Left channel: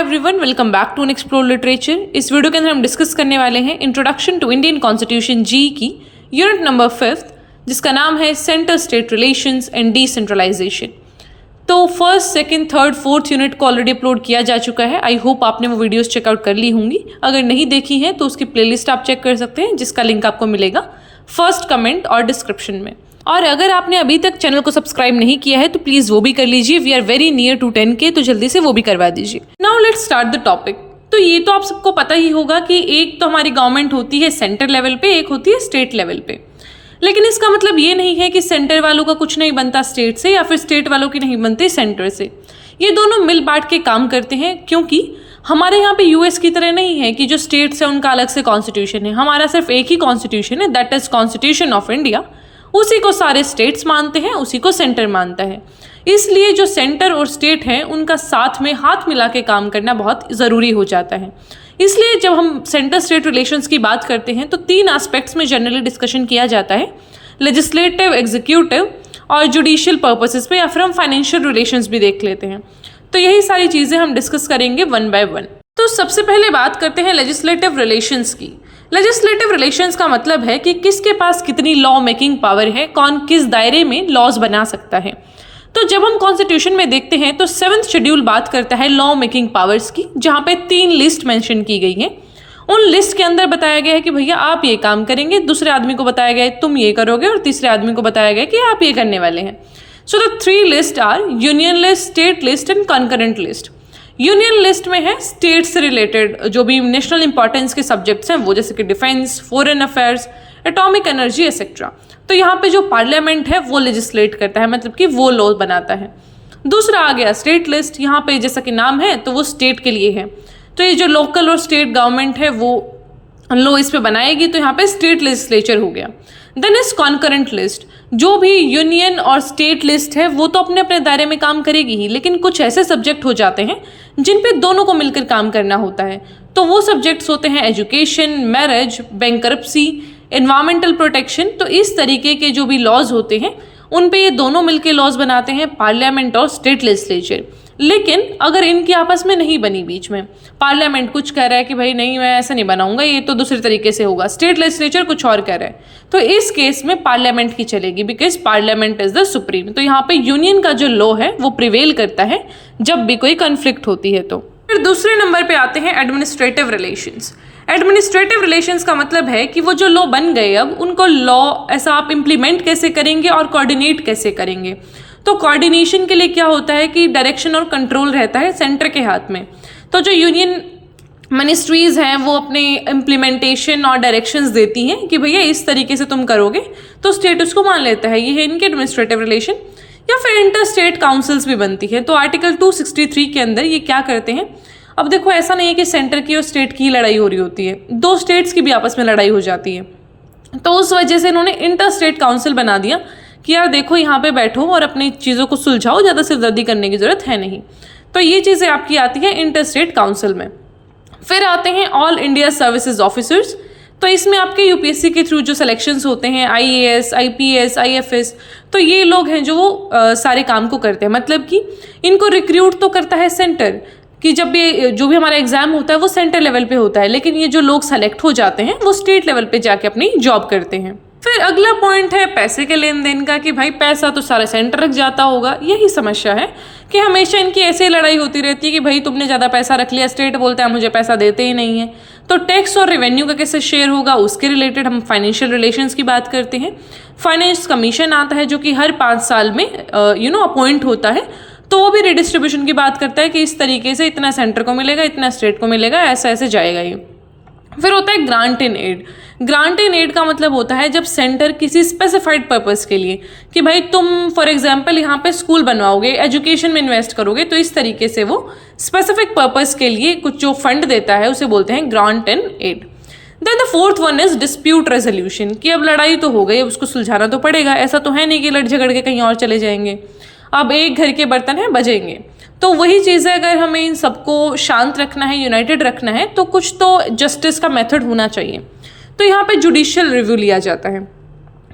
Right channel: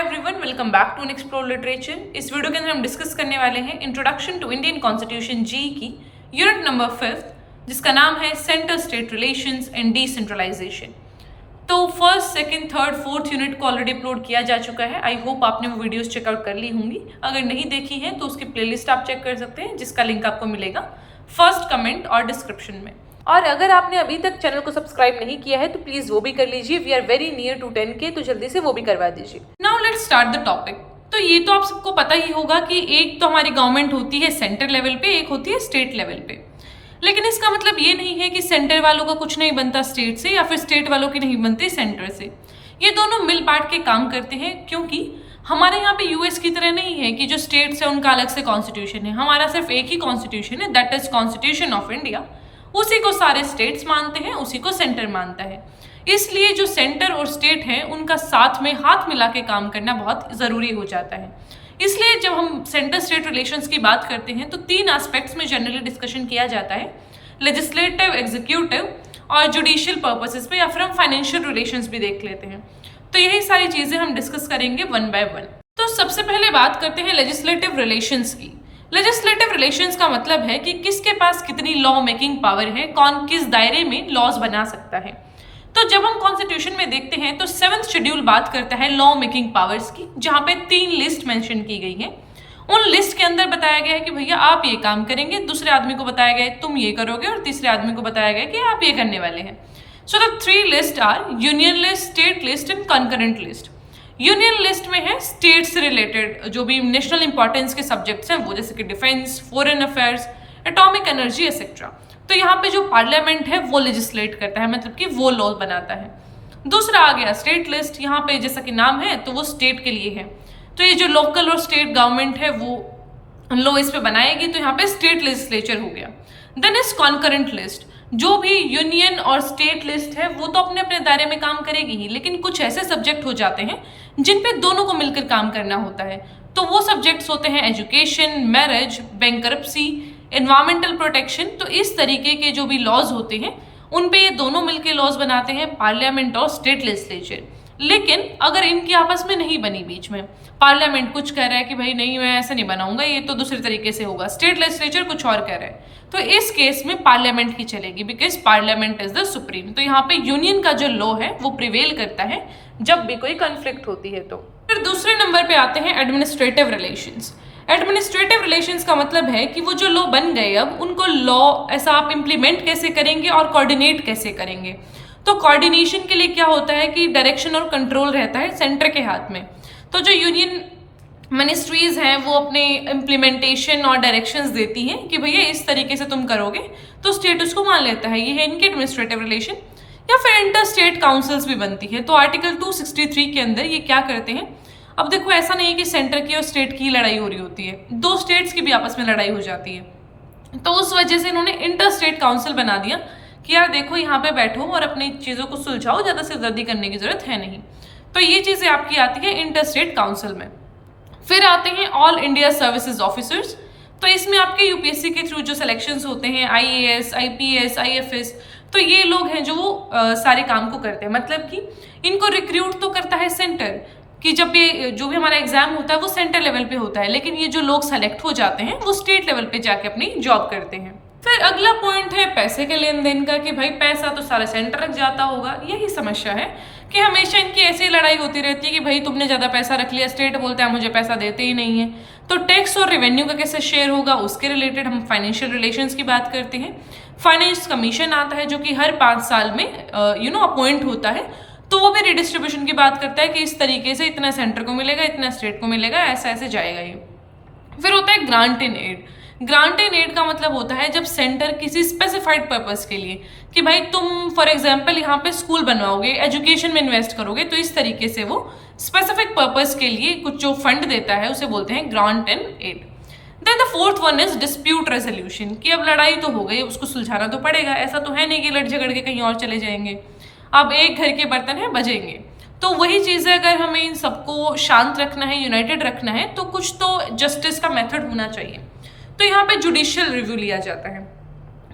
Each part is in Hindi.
Everyone, welcome back to explore literature. इस वीडियो के अंदर हम डिस्कस करने वाले हैं इंट्रोडक्शन टू इंडियन कॉन्स्टिट्यूशन जी की यूनिट नंबर 5, जिसका नाम है centre state relations and decentralisation. तो first, second, third, fourth unit को ऑलरेडी अपलोड किया जा चुका है। आई होप आपने वो वीडियोस चेकआउट कर ली होंगी। अगर नहीं देखी हैं तो उसकी प्लेलिस्ट आप चेक कर सकते हैं, जिसका लिंक आपको मिलेगा फर्स्ट कमेंट और डिस्क्रिप्शन में। और अगर आपने अभी तक चैनल को सब्सक्राइब नहीं किया है तो प्लीज़ वो भी कर लीजिए। We are very near to 10K, तो जल्दी से वो भी करवा दीजिए। Now let's start the topic. तो ये तो आप सबको पता ही होगा कि एक तो हमारी गवर्नमेंट होती है सेंटर लेवल पे, एक होती है स्टेट लेवल पे। लेकिन इसका मतलब ये नहीं है कि सेंटर वालों का कुछ नहीं बनता स्टेट से, या फिर स्टेट वालों की नहीं बनती सेंटर से। ये दोनों मिल बांट के काम करते हैं, क्योंकि हमारे यहाँ पे यूएस की तरह नहीं है कि जो स्टेट्स है उनका अलग से कॉन्स्टिट्यूशन है। हमारा सिर्फ एक ही कॉन्स्टिट्यूशन है, that is constitution of India. उसी को सारे स्टेट्स मानते हैं, उसी को सेंटर मानता है। इसलिए जो सेंटर और स्टेट हैं उनका साथ में हाथ मिला के काम करना बहुत ज़रूरी हो जाता है। इसलिए जब हम सेंटर स्टेट रिलेशंस की बात करते हैं तो 3 एस्पेक्ट्स में जनरली डिस्कशन किया जाता है, लेजिस्लेटिव, एग्जीक्यूटिव और जुडिशियल पर्पसेस पे, या फिर हम फाइनेंशियल रिलेशंस भी देख लेते हैं। तो यही सारी चीज़ें हम डिस्कस करेंगे वन बाय वन। तो सबसे पहले बात करते हैं लेजिस्लेटिव रिलेशंस की। लेजिस्लेटिव रिलेशंस का मतलब है कि किसके पास कितनी लॉ मेकिंग पावर है, कौन किस दायरे में लॉज बना सकता है। तो जब हम कॉन्स्टिट्यूशन में देखते हैं तो 7th शेड्यूल बात करता है लॉ मेकिंग पावर्स की, जहाँ पे 3 लिस्ट मेंशन की गई हैं। उन लिस्ट के अंदर बताया गया है कि भैया आप ये काम करेंगे, दूसरे आदमी को बताया गया है तुम ये करोगे, और तीसरे आदमी को बताया गया है कि आप ये करने वाले हैं। So the 3 list are union list, state list and concurrent list. Union list में है स्टेट से रिलेटेड जो भी नेशनल इंपॉर्टेंस के सब्जेक्ट्स हैं वो, जैसे कि defence, foreign affairs, atomic energy etcetera. तो यहाँ पे जो पार्लियामेंट है वो लेजिस्लेट करता है, मतलब कि वो लॉ बनाता है। दूसरा आ गया स्टेट लिस्ट। यहाँ पे जैसा कि नाम है तो वो स्टेट के लिए है। तो ये जो लोकल और स्टेट गवर्नमेंट है वो लॉ इस पे बनाएगी, तो यहाँ पे स्टेट लेजिस्लेचर हो गया। Then is concurrent list. जो भी यूनियन और स्टेट लिस्ट है वो तो अपने अपने दायरे में काम करेगी ही, लेकिन कुछ ऐसे सब्जेक्ट हो जाते हैं जिन पे दोनों को मिलकर काम करना होता है। तो वो सब्जेक्ट्स होते हैं education, marriage, bankruptcy, environmental protection. तो इस तरीके के जो भी लॉज होते हैं उन पे ये दोनों मिलकर लॉज बनाते हैं, पार्लियामेंट और स्टेट लेजिस्लेचर। लेकिन अगर इनकी आपस में नहीं बनी, बीच में पार्लियामेंट कुछ कह रहा है कि भाई नहीं मैं ऐसा नहीं बनाऊंगा, ये तो दूसरे तरीके से होगा, स्टेट लेजिस्लेचर कुछ और कह रहा है, तो इस केस में पार्लियामेंट की चलेगी, because parliament is the supreme. तो यहाँ पे यूनियन का जो लॉ है वो प्रिवेल करता है जब भी कोई कन्फ्लिक्ट होती है। तो फिर दूसरे नंबर पे आते हैं एडमिनिस्ट्रेटिव रिलेशंस। एडमिनिस्ट्रेटिव रिलेशंस का मतलब है कि वो जो लॉ बन गए अब उनको लॉ ऐसा आप इम्प्लीमेंट कैसे करेंगे और कोऑर्डिनेट कैसे करेंगे। तो कोऑर्डिनेशन के लिए क्या होता है कि डायरेक्शन और कंट्रोल रहता है सेंटर के हाथ में। तो जो यूनियन मिनिस्ट्रीज हैं वो अपने इम्प्लीमेंटेशन और डायरेक्शंस देती हैं कि भैया इस तरीके से तुम करोगे, तो स्टेट उसको मान लेता है। ये है इनके एडमिनिस्ट्रेटिव रिलेशन। या फिर इंटर स्टेट काउंसिल्स भी बनती है। तो आर्टिकल 263 के अंदर ये क्या करते हैं, अब देखो ऐसा नहीं है कि सेंटर की और स्टेट की लड़ाई हो रही होती है, 2 स्टेट्स की भी आपस में लड़ाई हो जाती है। तो उस वजह से इन्होंने इंटर स्टेट काउंसिल बना दिया कि यार देखो यहाँ पे बैठो और अपनी चीज़ों को सुलझाओ, ज़्यादा सिरदर्दी करने की ज़रूरत है नहीं। तो ये चीज़ें आपकी आती है इंटर स्टेट काउंसिल में। फिर आते हैं ऑल इंडिया सर्विसेज ऑफिसर्स। तो इसमें आपके यूपीएससी के थ्रू जो सिलेक्शंस होते हैं, आईएएस, आईपीएस, आईएफएस, तो ये लोग हैं जो वो सारे काम को करते हैं। मतलब कि इनको रिक्रूट तो करता है सेंटर, कि जब भी जो भी हमारा एग्जाम होता है वो सेंटर लेवल पे होता है, लेकिन ये जो लोग सेलेक्ट हो जाते हैं वो स्टेट लेवल पे जाके अपनी जॉब करते हैं। फिर अगला पॉइंट है पैसे के लेन देन का, कि भाई पैसा तो सारा सेंटर रख जाता होगा। यही समस्या है कि हमेशा इनकी ऐसे लड़ाई होती रहती है कि भाई तुमने ज़्यादा पैसा रख लिया, स्टेट बोलता है मुझे पैसा देते ही नहीं है। तो टैक्स और रेवेन्यू का कैसे शेयर होगा, उसके रिलेटेड हम फाइनेंशियल रिलेशंस की बात करते हैं। फाइनेंस कमीशन आता है जो कि हर 5 साल में अपॉइंट होता है, तो वो भी रिडिस्ट्रीब्यूशन की बात करता है कि इस तरीके से इतना सेंटर को मिलेगा, इतना स्टेट को मिलेगा, ऐसा ऐसे जाएगा ये। फिर होता है grant in aid. Grant in aid का मतलब होता है जब सेंटर किसी स्पेसिफाइड पर्पस के लिए, कि भाई तुम फॉर एग्जांपल यहाँ पे स्कूल बनवाओगे, एजुकेशन में इन्वेस्ट करोगे, तो इस तरीके से वो स्पेसिफिक पर्पस के लिए कुछ जो फंड देता है उसे बोलते हैं grant in aid. Then the fourth one is dispute resolution, कि अब लड़ाई तो हो गई, अब उसको सुलझाना तो पड़ेगा। ऐसा तो है नहीं कि लड़ झगड़ के कहीं और चले जाएंगे, अब एक घर के बर्तन हैं बजेंगे। तो वही चीज़ है, अगर हमें इन सबको शांत रखना है, यूनाइटेड रखना है, तो कुछ तो जस्टिस का मेथड होना चाहिए। तो यहाँ पे जुडिशियल रिव्यू लिया जाता है।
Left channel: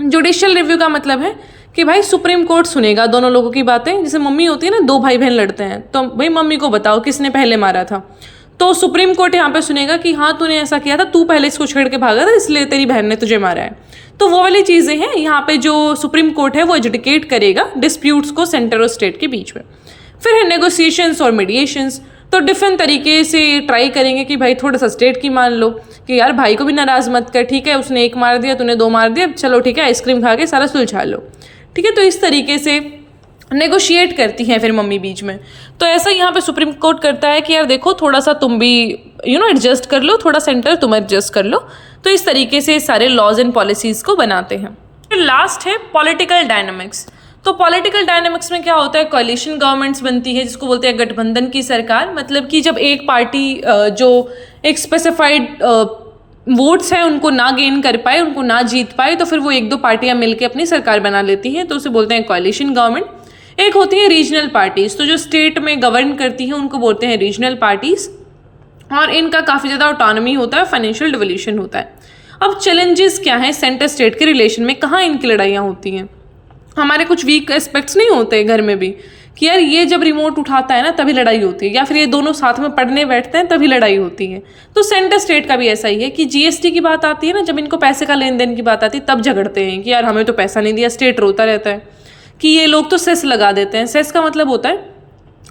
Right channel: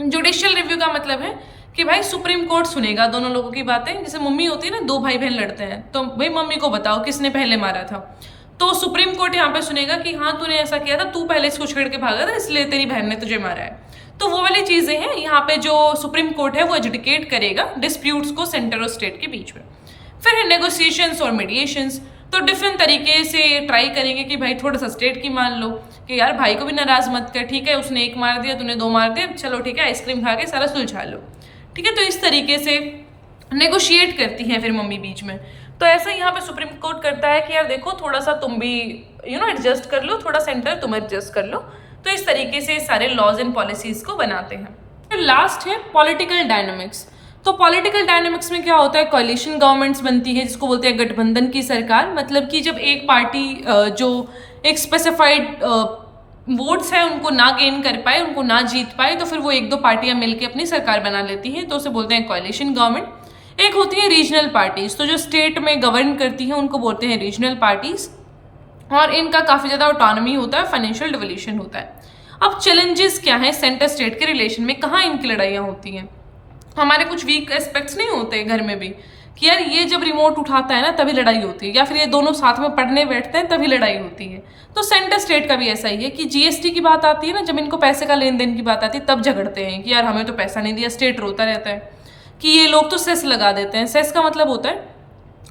जुडिशियल रिव्यू का मतलब है कि भाई सुप्रीम कोर्ट सुनेगा दोनों लोगों की बातें। जैसे मम्मी होती है ना, दो भाई बहन लड़ते हैं तो भाई मम्मी को बताओ किसने पहले मारा था, तो सुप्रीम कोर्ट यहाँ पे सुनेगा कि हाँ तूने ऐसा किया था, तू पहले इसको छेड़ के भागा था इसलिए तेरी बहन ने तुझे मारा है। तो वो वाली चीज़ें हैं यहाँ पे जो सुप्रीम कोर्ट है वो एजुडिकेट करेगा डिस्प्यूट्स को सेंटर और स्टेट के बीच में। फिर है नेगोशिएशंस और मीडिएशंस। तो डिफरेंट तरीके से ट्राई करेंगे कि भाई थोड़ा सा स्टेट की मान लो कि यार भाई को भी नाराज़ मत कर, ठीक है उसने एक मार दिया तूने दो मार दिया, चलो ठीक है आइसक्रीम खा के सारा सुलझा लो, ठीक है। तो इस तरीके से नेगोशिएट करती हैं फिर मम्मी बीच में। तो ऐसा यहाँ पे सुप्रीम कोर्ट करता है कि यार देखो थोड़ा सा तुम भी एडजस्ट कर लो, थोड़ा सेंटर तुम एडजस्ट कर लो। तो इस तरीके से सारे लॉज एंड पॉलिसीज को बनाते हैं। फिर लास्ट है पॉलिटिकल डायनामिक्स। तो पॉलिटिकल डायनामिक्स में क्या होता है, कोalition गवर्नमेंट्स बनती है जिसको बोलते हैं गठबंधन की सरकार। मतलब कि जब एक पार्टी जो एक स्पेसिफाइड वोट्स हैं उनको ना गेन कर पाए, उनको ना जीत पाए, तो फिर वो एक दो पार्टियां मिलकर अपनी सरकार बना लेती हैं, तो उसे बोलते हैं कोalition गवर्नमेंट। एक होती है रीजनल पार्टीज, तो जो स्टेट में गवर्न करती हैं उनको बोलते हैं रीजनल पार्टीज, और इनका काफ़ी ज़्यादा ऑटोनॉमी होता है, फाइनेंशियल डिवोल्यूशन होता है। अब चैलेंजेस क्या हैं सेंटर स्टेट के रिलेशन में, कहाँ इनकी लड़ाइयाँ होती हैं। हमारे कुछ वीक एस्पेक्ट्स नहीं होते घर में भी कि यार ये जब रिमोट उठाता है ना तभी लड़ाई होती है, या फिर ये दोनों साथ में पढ़ने बैठते हैं तभी लड़ाई होती है। तो सेंटर स्टेट का भी ऐसा ही है कि जीएसटी की बात आती है ना, जब इनको पैसे का लेन देन की बात आती है तब झगड़ते हैं कि यार हमें तो पैसा नहीं दिया। स्टेट रोता रहता है कि ये लोग तो सेस लगा देते हैं। सेस का मतलब होता है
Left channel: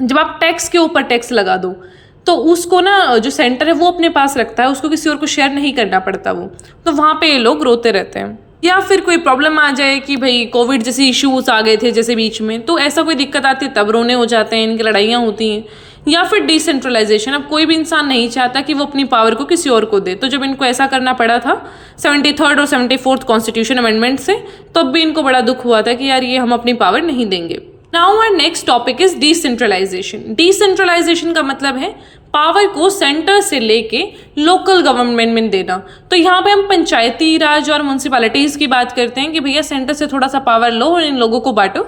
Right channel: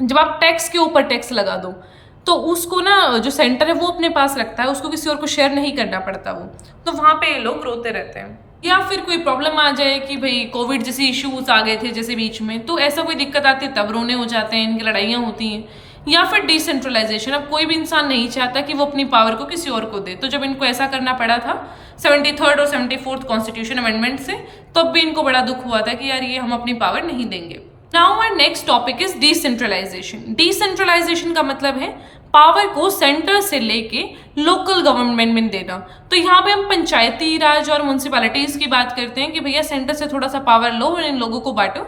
जब आप टैक्स के ऊपर टैक्स लगा दो तो उसको ना जो सेंटर है वो अपने पास रखता है, उसको किसी और को शेयर नहीं करना पड़ता वो। तो वहाँ पे ये लोग रोते रहते हैं। या फिर कोई प्रॉब्लम आ जाए कि भाई कोविड जैसे इश्यूज आ गए थे जैसे बीच में, तो ऐसा कोई दिक्कत आती है तब रोने हो जाते हैं, इनकी लड़ाइयाँ होती हैं। या फिर डिसेंट्रलाइजेशन, अब कोई भी इंसान नहीं चाहता कि वो अपनी पावर को किसी और को दे, तो जब इनको ऐसा करना पड़ा था 73rd और 74th कॉन्स्टिट्यूशन अमेंडमेंट से, तब भी इनको बड़ा दुख हुआ था कि यार ये हम अपनी पावर नहीं देंगे। Now our next topic is decentralization. Decentralization का मतलब है पावर को सेंटर से लेके लोकल गवर्नमेंट में देना। तो यहाँ पे हम पंचायती राज और म्यूनसिपैलिटीज़ की बात करते हैं कि भैया सेंटर से थोड़ा सा पावर लो और इन लोगों को बांटो,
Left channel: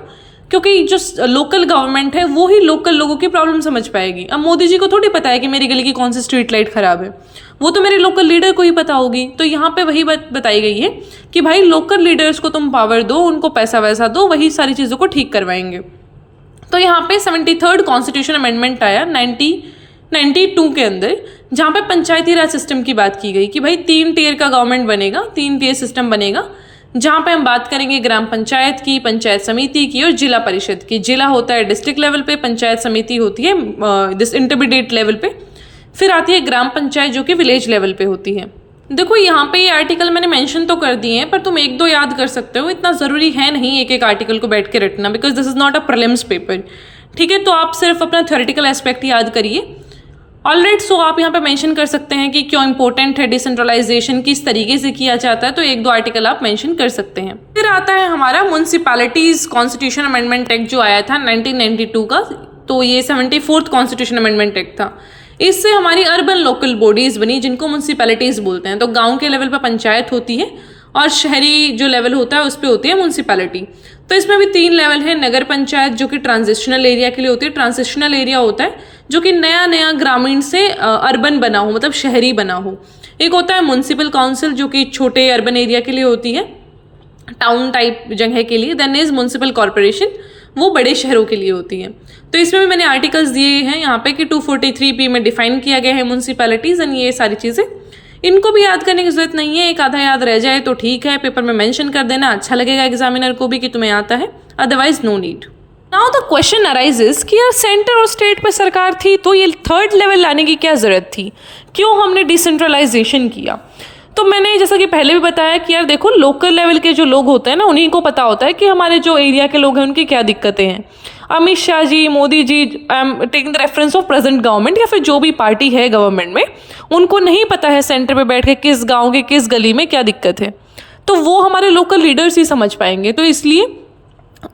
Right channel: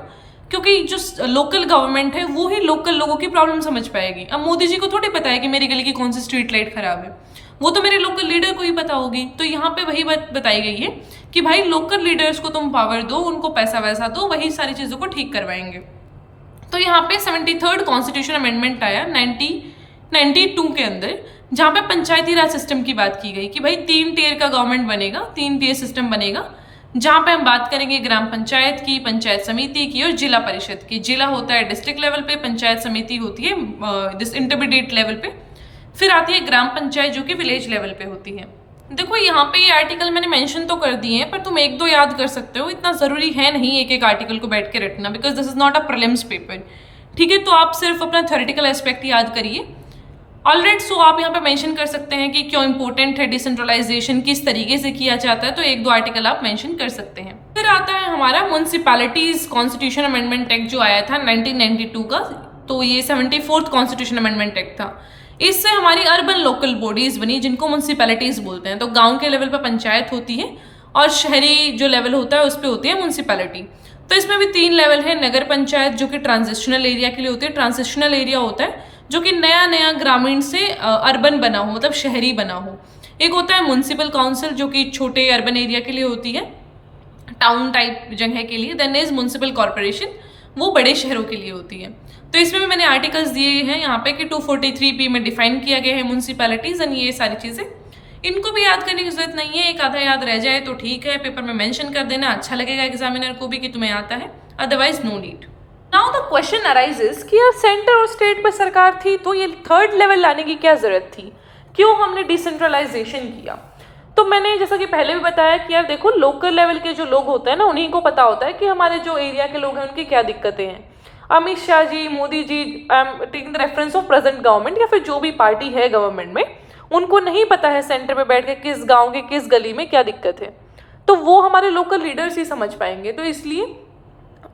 क्योंकि जो लोकल गवर्नमेंट है वो ही लोकल लोगों की प्रॉब्लम समझ पाएगी। अब मोदी जी को थोड़ी पता है कि मेरी गली की कौन सी स्ट्रीट लाइट खराब है, वो तो मेरे लोकल लीडर को ही पता होगी। तो यहाँ पे वही बात बताई गई है कि भाई लोकल लीडर्स को तुम पावर दो, उनको पैसा वैसा दो, वही सारी चीज़ों को ठीक करवाएंगे। तो यहाँ पे 73rd कॉन्स्टिट्यूशन अमेंडमेंट आया 1992 के अंदर, जहाँ पे पंचायती राज सिस्टम की बात की गई कि भाई 3 टियर का गवर्नमेंट बनेगा, 3 टियर सिस्टम बनेगा, जहाँ पे हम बात करेंगे ग्राम पंचायत की, पंचायत समिति की और जिला परिषद की। जिला होता है डिस्ट्रिक्ट लेवल पे, पंचायत समिति होती है इंटरमीडिएट लेवल पे, फिर आती है ग्राम पंचायत जो कि विलेज लेवल पे होती है। देखो यहाँ पे ये आर्टिकल मैंने मेंशन तो कर दिए हैं, पर तुम एक दो याद कर सकते हो, इतना ज़रूरी है नहीं एक एक आर्टिकल को बैठ के रटना, because this is not a prelims paper, ठीक है। तो आप सिर्फ अपना थ्योरेटिकल एस्पेक्ट याद करिए। ऑलराइट, सो आप यहाँ पे मेंशन कर सकते हैं कि क्यों इंपॉर्टेंट है डिसेंट्रलाइजेशन, किस तरीके से किया जाता है, तो एक दो आर्टिकल आप मेंशन कर सकते हैं। फिर आता है हमारा म्यूनसिपैलिटीज कॉन्स्टिट्यूशन अमेंडमेंट एक्ट जो आया था 1992 का, तो ये 74th कॉन्स्टिट्यूशन अमेंडमेंट एक्ट था। इससे हमारी अर्बन लोकल बॉडीज बनी जिनको म्यूनसिपैलिटीज बोलते हैं। तो गाँव के लेवल पर पंचायत होती है और शहरी जो लेवल होता है उस पर होती है म्यूनसिपैलिटी। तो इसमें भी 3 लेवल है। नगर पंचायत जो कि ट्रांजिशनल एरिया के लिए होती है, ट्रांजिशनल एरिया होता है जो कि नया नया ग्रामीण से अर्बन बना हो, मतलब शहरी बना हो। एक होता है म्यूनसिपल काउंसिल जो कि छोटे अर्बन एरिया के लिए होती है, टाउन टाइप जगह के लिए। देन इज म्यूनसिपल कॉर्पोरेशन, वो बड़े शहरों के लिए होती है। तो इसमें भी मैंने आर्टिकल्स दिए हैं यहाँ पे कि 243B में डिफाइन किया गया है म्यूनसिपैलिटीज एंड ये सारी चीज़ें। इनको भी याद करने की जरूरत नहीं है, एक आधा याद रह जाए तो ठीक है, पेपर में मेंशन कर देना, अच्छा लगेगा एग्जामिनर को भी कि तुम्हें आता है, otherwise no need. Now the question arises कि यार सेंटर और स्टेट पर सरकार थी तो ये 3rd लेवल लाने की क्या ज़रूरत थी, क्यों हमने डिसेंट्रलाइजेशन किया। तो मैंने जैसा कि पहले भी बताया कि यार देखो लोकल लेवल के जो लोग होते हैं ना, उन्हीं को पता होता है कि हमारे जो एरिया के लोग हैं उनकी क्या दिक्कतें हैं। Amit Shah ji, Modi ji, I am taking the reference of present government, या फिर जो भी पार्टी है गवर्नमेंट में, उनको नहीं पता है सेंटर पे बैठ के किस गांव के किस गली में क्या दिक्कत है, तो वो हमारे लोकल लीडर्स ही समझ पाएंगे। तो इसलिए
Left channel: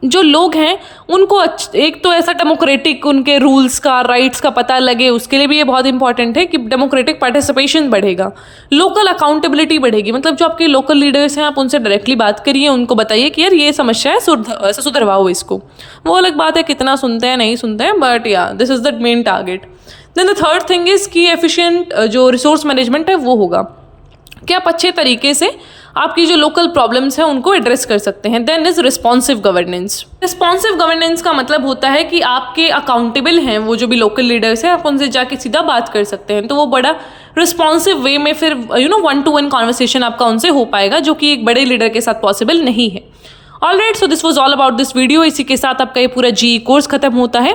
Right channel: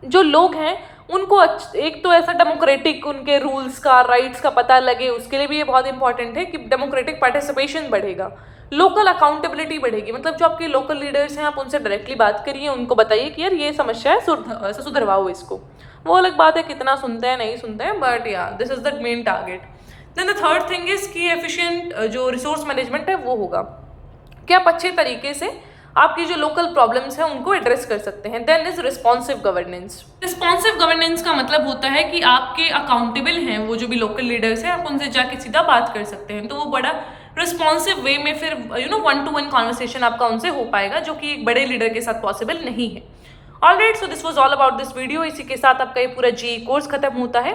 जो लोग हैं उनको एक तो ऐसा डेमोक्रेटिक उनके रूल्स का, राइट्स का पता लगे, उसके लिए भी ये बहुत इंपॉर्टेंट है कि डेमोक्रेटिक पार्टिसिपेशन बढ़ेगा, लोकल अकाउंटेबिलिटी बढ़ेगी। मतलब जो आपके लोकल लीडर्स हैं आप उनसे डायरेक्टली बात करिए, उनको बताइए कि यार ये समस्या है, ऐसा सुधरवाओ इसको। वो अलग बात है कितना सुनते हैं नहीं सुनते हैं, बट या this is the main target. Then the 3rd thing is कि एफिशिएंट जो रिसोर्स मैनेजमेंट है वो होगा कि आप अच्छे तरीके से आपकी जो लोकल प्रॉब्लम्स हैं उनको एड्रेस कर सकते हैं। Then is responsive governance. Responsive governance का मतलब होता है कि आपके अकाउंटेबल हैं वो जो भी लोकल लीडर्स हैं, आप उनसे जाके सीधा बात कर सकते हैं। तो वो बड़ा रिस्पॉन्सिव वे में फिर 1-to-1 कॉन्वर्सेशन आपका उनसे हो पाएगा, जो कि एक बड़े लीडर के साथ पॉसिबल नहीं है। Alright, so this was all about this video. इसी के साथ आपका ये पूरा GE कोर्स खत्म होता है।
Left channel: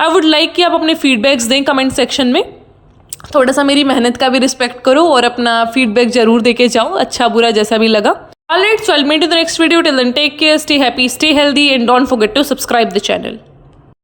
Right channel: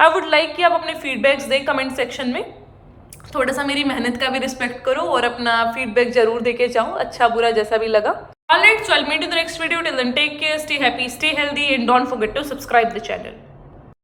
आई वुड लाइक कि आप अपने फीडबैक्स दें कमेंट सेक्शन में। थोड़ा सा मेरी मेहनत का भी रिस्पेक्ट करो और अपना फीडबैक जरूर देके जाओ, अच्छा बुरा जैसा भी लगा। Alright, so I will meet you in the next video. Till then take care, stay happy, stay healthy and don't forget to subscribe the channel.